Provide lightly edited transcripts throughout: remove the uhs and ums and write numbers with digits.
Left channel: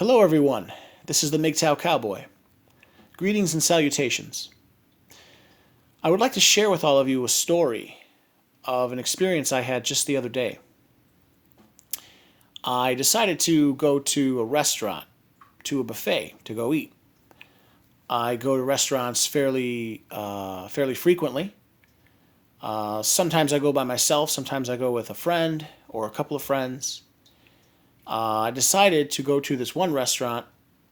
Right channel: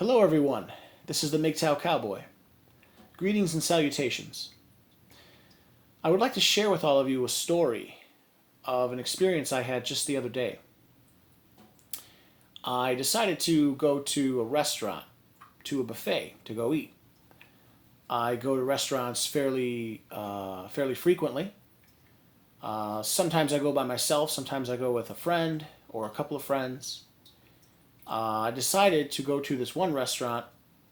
Hello, everyone. This is the Mgtow Cowboy. Greetings and salutations. I would like to share with all of you a story of an experience I had just the other day. I decided to go to a restaurant, to a buffet, to go eat. I go to restaurants fairly frequently. Sometimes I go by myself. Sometimes I go with a friend or a couple of friends. I decided to go to this one restaurant.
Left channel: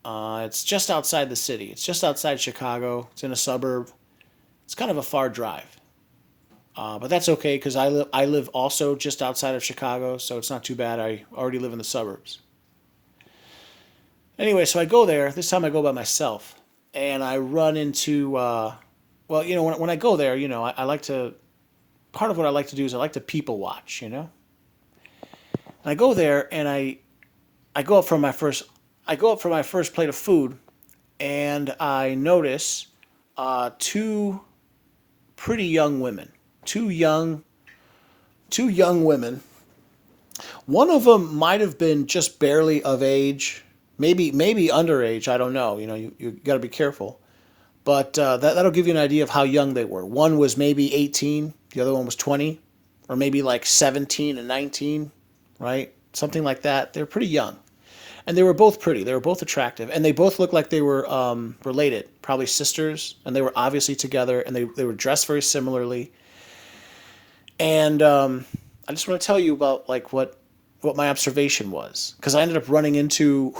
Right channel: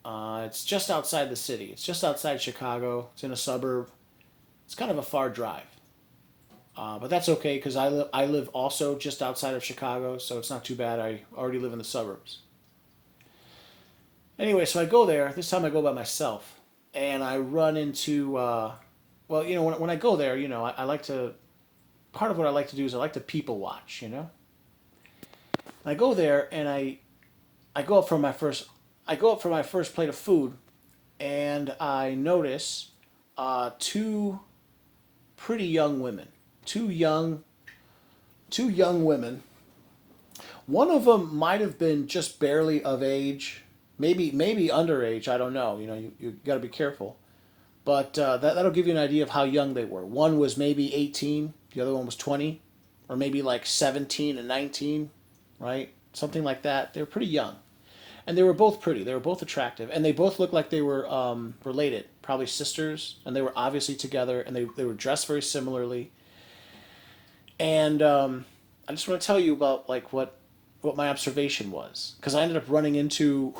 It's just outside the city. It's just outside Chicago. It's in a suburb. It's kind of a far drive. But that's okay because I live also just outside of Chicago, so it's not too bad. I already live in the suburbs. Anyway, so I go there. This time I go by myself. And I run into, when I go there, I like to, part of what I like to do is I like to people watch, And I go there and I go up for my first, I go up for my first plate of food and I notice two pretty young women, two young, two young women. One of them might have been just barely of age, maybe underage. I don't know. You got to be careful. But that'll give you an idea of how young they were. One was maybe 18, the other one was 20, or maybe like 17 and 19, right? Something like that. They're pretty young. And they were both pretty. They were both attractive. And they both looked like they were related, probably sisters. And they were obviously together. And they were dressed very similarly. And I just want to tell you about like what my observation was. Because I ended up running into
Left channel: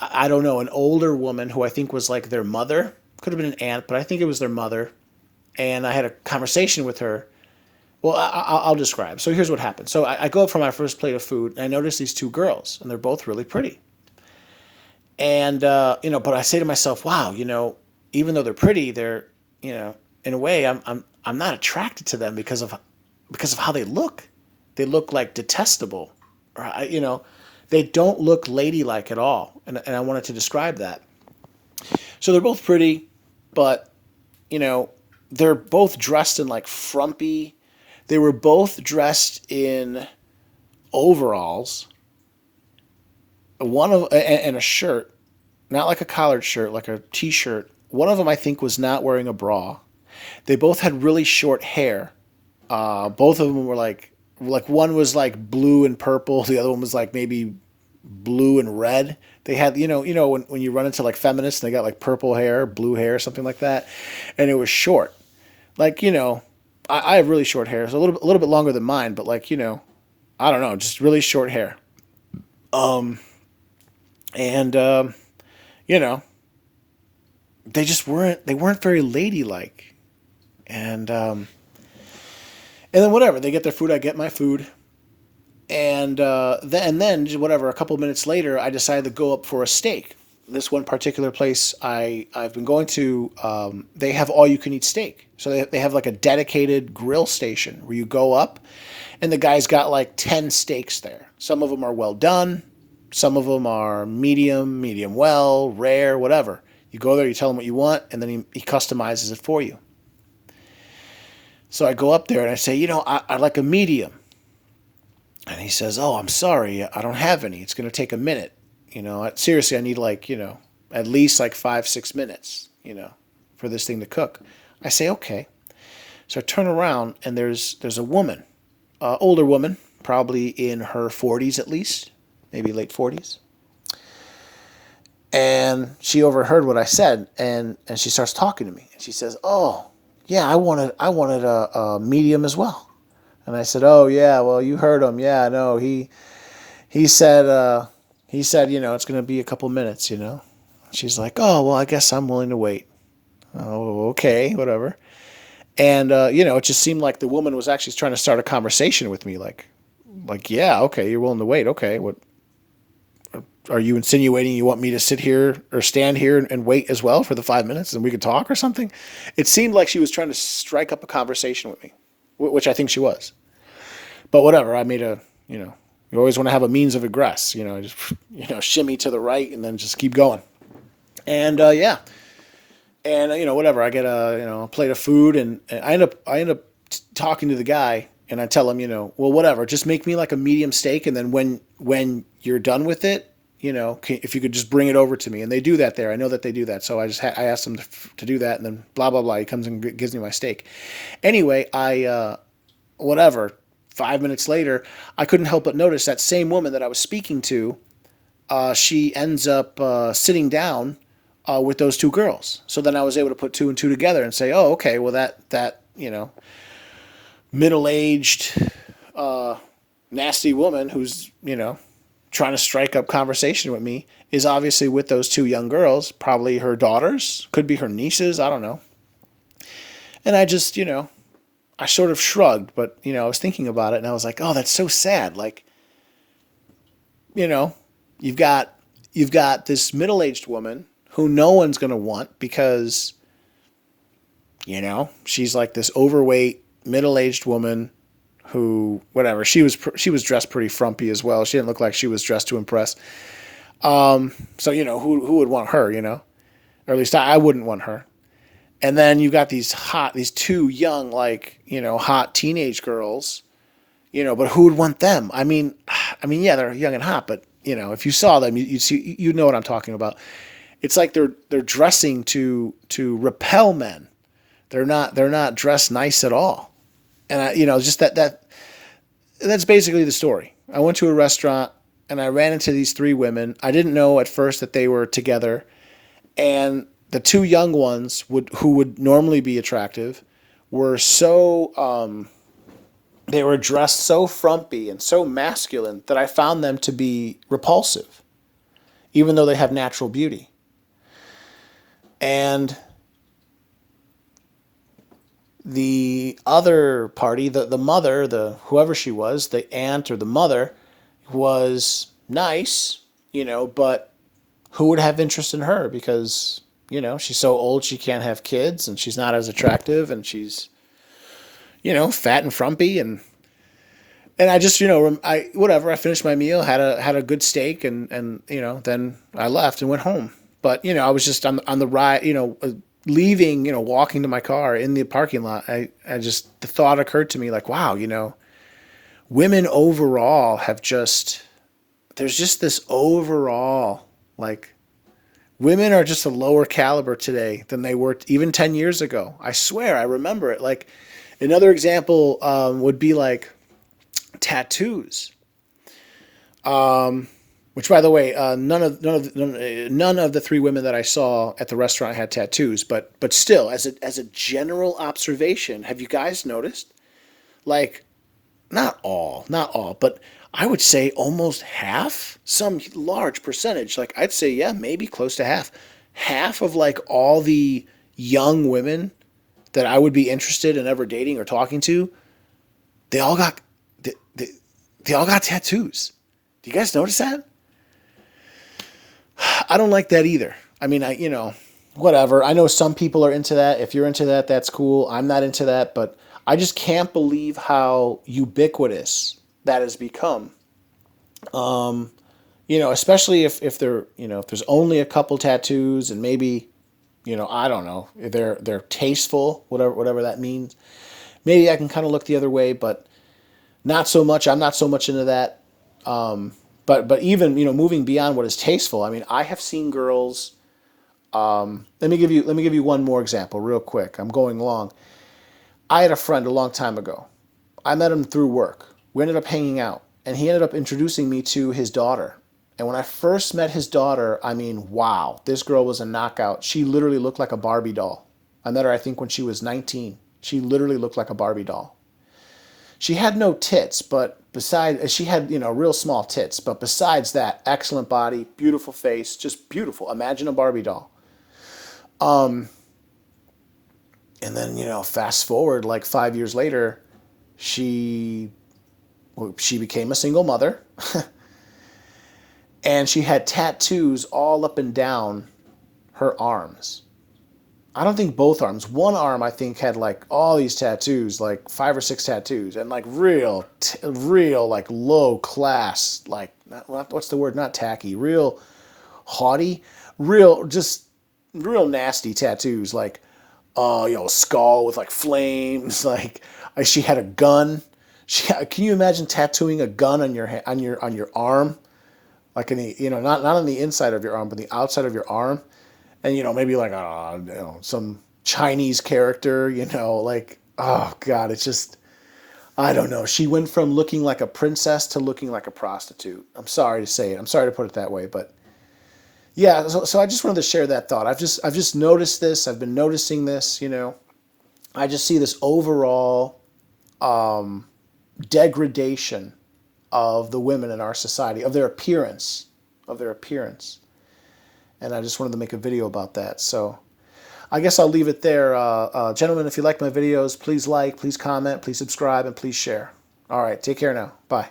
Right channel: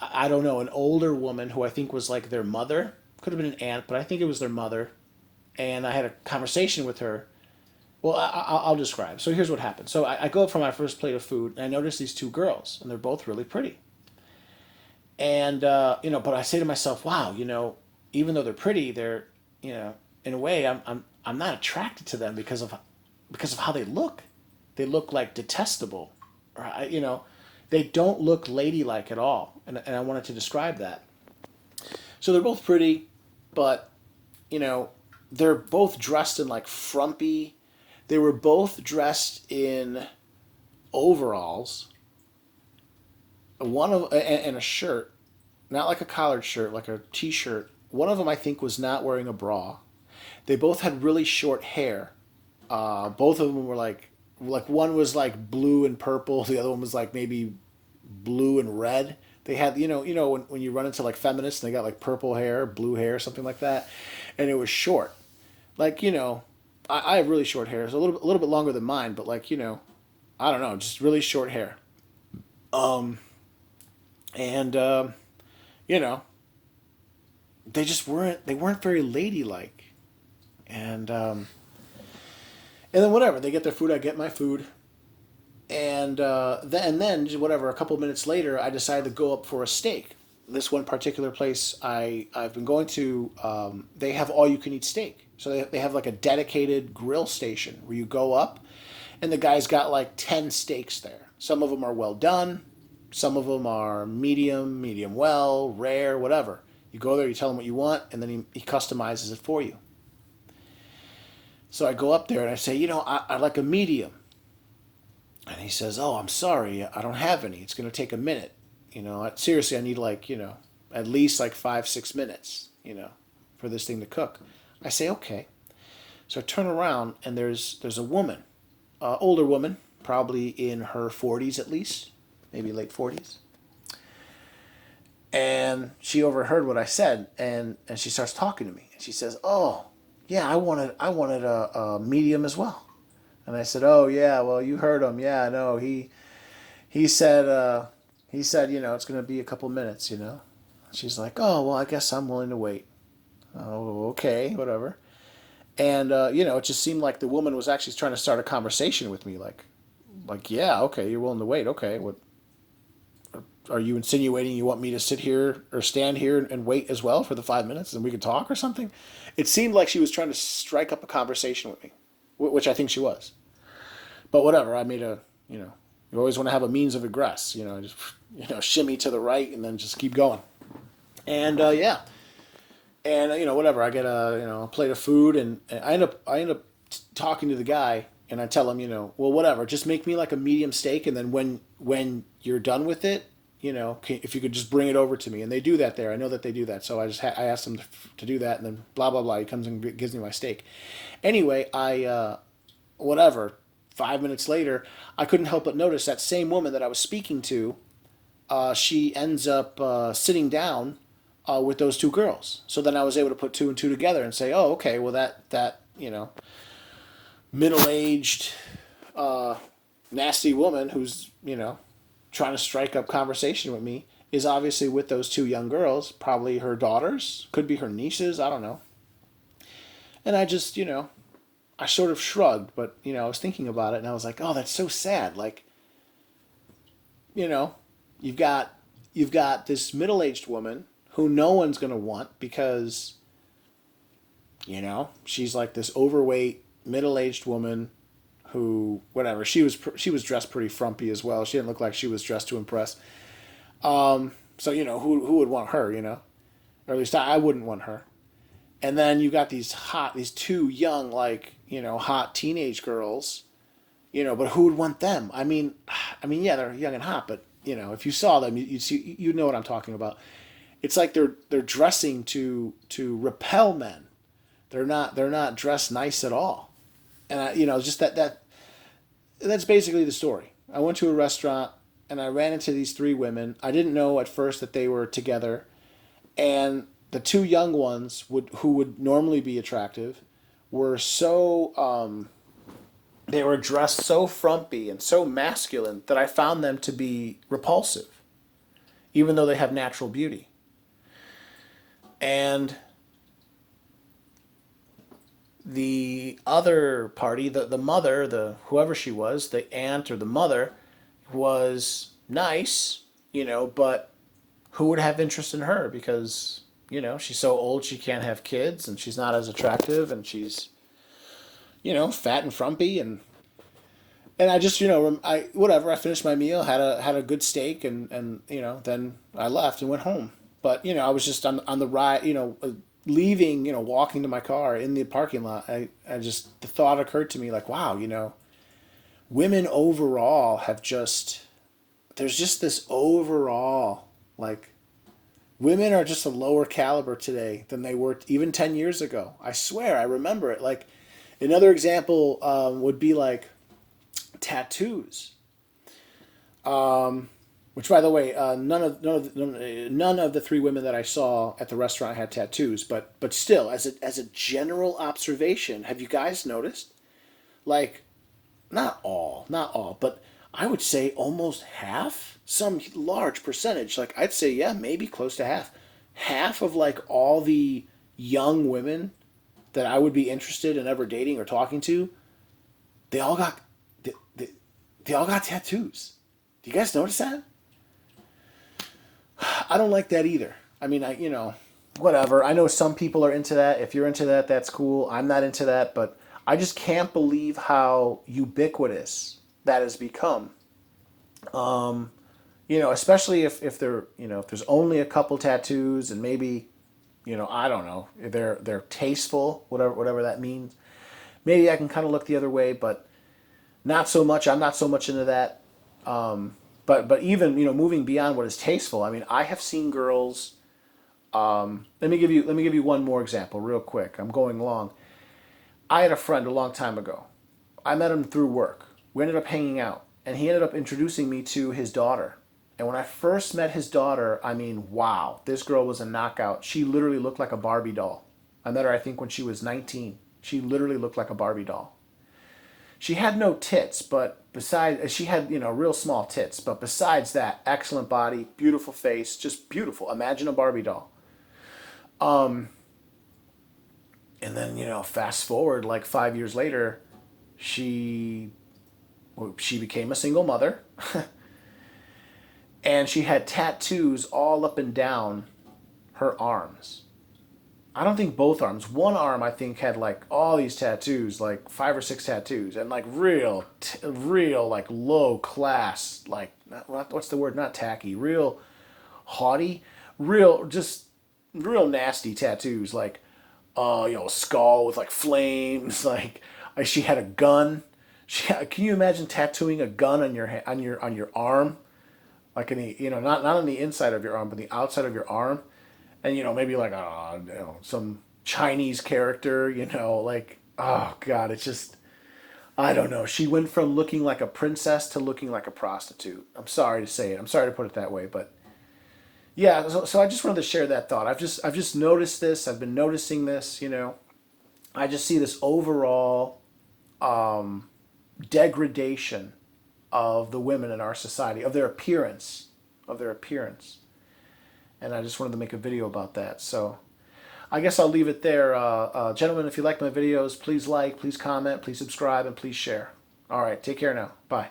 I don't know, an older woman who I think was like their mother. Could have been an aunt, but I think it was their mother. And I had a conversation with her. Well, I'll describe. So here's what happened. So I go up for my first plate of food, and I notice these two girls, and they're both really pretty. And but I say to myself, wow, even though they're pretty, they're, in a way, I'm not attracted to them because of how they look. They look like detestable, or they don't look ladylike at all. And I wanted to describe that. So they're both pretty, but you know, they're both dressed in like frumpy. They were both dressed in overalls, one of and a shirt, not like a collared shirt, like a t-shirt. One of them I think was not wearing a bra. They both had really short hair. Both of them were like one was like blue and purple. The other one was like maybe blue and red. They had when you run into like feminists, and they got like purple hair, blue hair, something like that, and it was short. Like I have really short hair. It's a little bit longer than mine, but like I don't know, just really short hair. Um, and you know they weren't very ladylike, and then whatever, they get their food, I get my food, and then whatever. A couple of minutes later, I decided to go up for a steak. This one particular place I've been going to, they have all you can eat steak. So they have like a dedicated grill station where you go up, and the guy's got like 10 steaks there. Some of them are well done, some of them are medium well, rare, whatever. You go there, you tell him what you want, and then he customizes it for you. So I go up there and I say, I'd like a medium. And he says, "Oh, I'm sorry, I don't have any. It's going to take a minute. Seriously, I need like, at least like 5, 6 minutes, for this thing to cook." I say, "Okay." So I turn around and there's a woman, older woman, probably in her 40s at least, maybe late 40s. And she overheard what I said, and she starts talking to me. And she says, "Oh, yeah, I wanted a medium as well." And I said, "Oh yeah, well you heard him. Yeah, no, he said it's going to be a couple minutes. She's like, "Oh well, I guess I'm willing to wait." Oh, okay, whatever. And it just seemed like the woman was actually trying to start a conversation with me, like yeah, okay, you're willing to wait. Okay, what are you insinuating? You want me to sit here or stand here and wait as well for the 5 minutes, and we could talk or something? It seemed like she was trying to strike up a conversation with me, which I think she was. But whatever, I made you always want to have a means of egress, just shimmy to the right and then just keep going. And yeah, and whatever, I get a plate of food, and I end up talking to the guy, and I tell him, well, whatever, just make me like a medium steak, and then when you're done with it, if you could just bring it over to me. And they do that there. I know that they do that. So I asked them to do that, and then blah, blah, blah. He comes and gives me my steak. Anyway, whatever, 5 minutes later, I couldn't help but notice that same woman that I was speaking to, she ends up sitting down with those two girls. So then I was able to put two and two together and say, oh, okay, well, that middle-aged, nasty woman who's, trying to strike up conversation with me is obviously with those two young girls, probably her daughters, could be her nieces, I don't know. And I just, I sort of shrugged, but, I was thinking about it and I was like, oh, that's so sad. Like, you've got this middle-aged woman who no one's going to want because, she's like this overweight, middle-aged woman who, whatever, she was dressed pretty frumpy as well. She didn't look like she was dressed to impress. So, who would want her, or at least I wouldn't want her. And then you got these two young, like, hot teenage girls, but who would want them? I mean, yeah, they're young and hot, but, if you saw them, you know what I'm talking about. It's like they're dressing to repel men. They're not dressed nice at all. And just that's basically the story. I went to a restaurant and I ran into these three women. I didn't know at first that they were together, and the two young ones who would normally be attractive were so they were dressed so frumpy and so masculine that I found them to be repulsive, even though they have natural beauty. And the other party, the mother, whoever she was, the aunt or the mother, was nice, but who would have interest in her because, she's so old she can't have kids and she's not as attractive and she's, fat and frumpy and I just, I finished my meal, had a good steak and then I left and went home. But, I was just on the ride, leaving, walking to my car in the parking lot, I just, the thought occurred to me like, wow, women overall there's just this overall, like, women are just a lower caliber today than they were even 10 years ago. I swear, I remember it. Like, another example would be like tattoos. Which, by the way, none of the three women that I saw at the restaurant had tattoos. But still, as a general observation, have you guys noticed? Like, not all, but I would say almost half, some large percentage. Like, I'd say, yeah, maybe close to half of like all the young women that I would be interested in ever dating or talking to, they all got they all got tattoos. Do you guys notice that? I don't like that either. I mean, whatever. I know some people are into that. If you're into that, that's cool. I'm not into that, but I just can't believe how ubiquitous that has become. Especially if they're, if there's only a couple tattoos and maybe, I don't know, if they're tasteful, whatever that means. Maybe I can kind of look the other way, but not so much. I'm not so much into that. But even, moving beyond what is tasteful, I mean, I have seen girls. Let me give you one more example real quick. I'm going long. I had a friend a long time ago. I met him through work. We ended up hanging out, and he ended up introducing me to his daughter. And when I first met his daughter, I mean, wow, this girl was a knockout. She literally looked like a Barbie doll. I met her, I think, when she was 19. She literally looked like a Barbie doll. She had no tits, but she had, real small tits. But besides that, excellent body, beautiful face, just beautiful. Imagine a Barbie doll. And then, fast forward like 5 years later, she became a single mother. And she had tattoos all up and down her arms. I don't think both arms. One arm, I think, had like all these tattoos, like 5 or 6 tattoos, and like real, like low class, like, what's the word? Not tacky, real haughty, just real nasty tattoos, like, skull with like flames, like she had a gun. Can you imagine tattooing a gun on your arm? like in the, not on the inside of your arm, but the outside of your arm, and maybe like some Chinese character, like, oh God, it's just, I don't know. She went from looking like a princess to looking like a prostitute. I'm sorry to say it. I'm sorry to put it that way, but yeah. So I just wanted to share that thought. I've just noticed this. I've been noticing this. I just see this overall degradation of the women in our society, of their appearance, and I just wanted to make a video about that. So I guess I'll leave it there. Gentlemen, if you like my videos, please like, please comment, please subscribe, and please share. All right, take care now. Bye.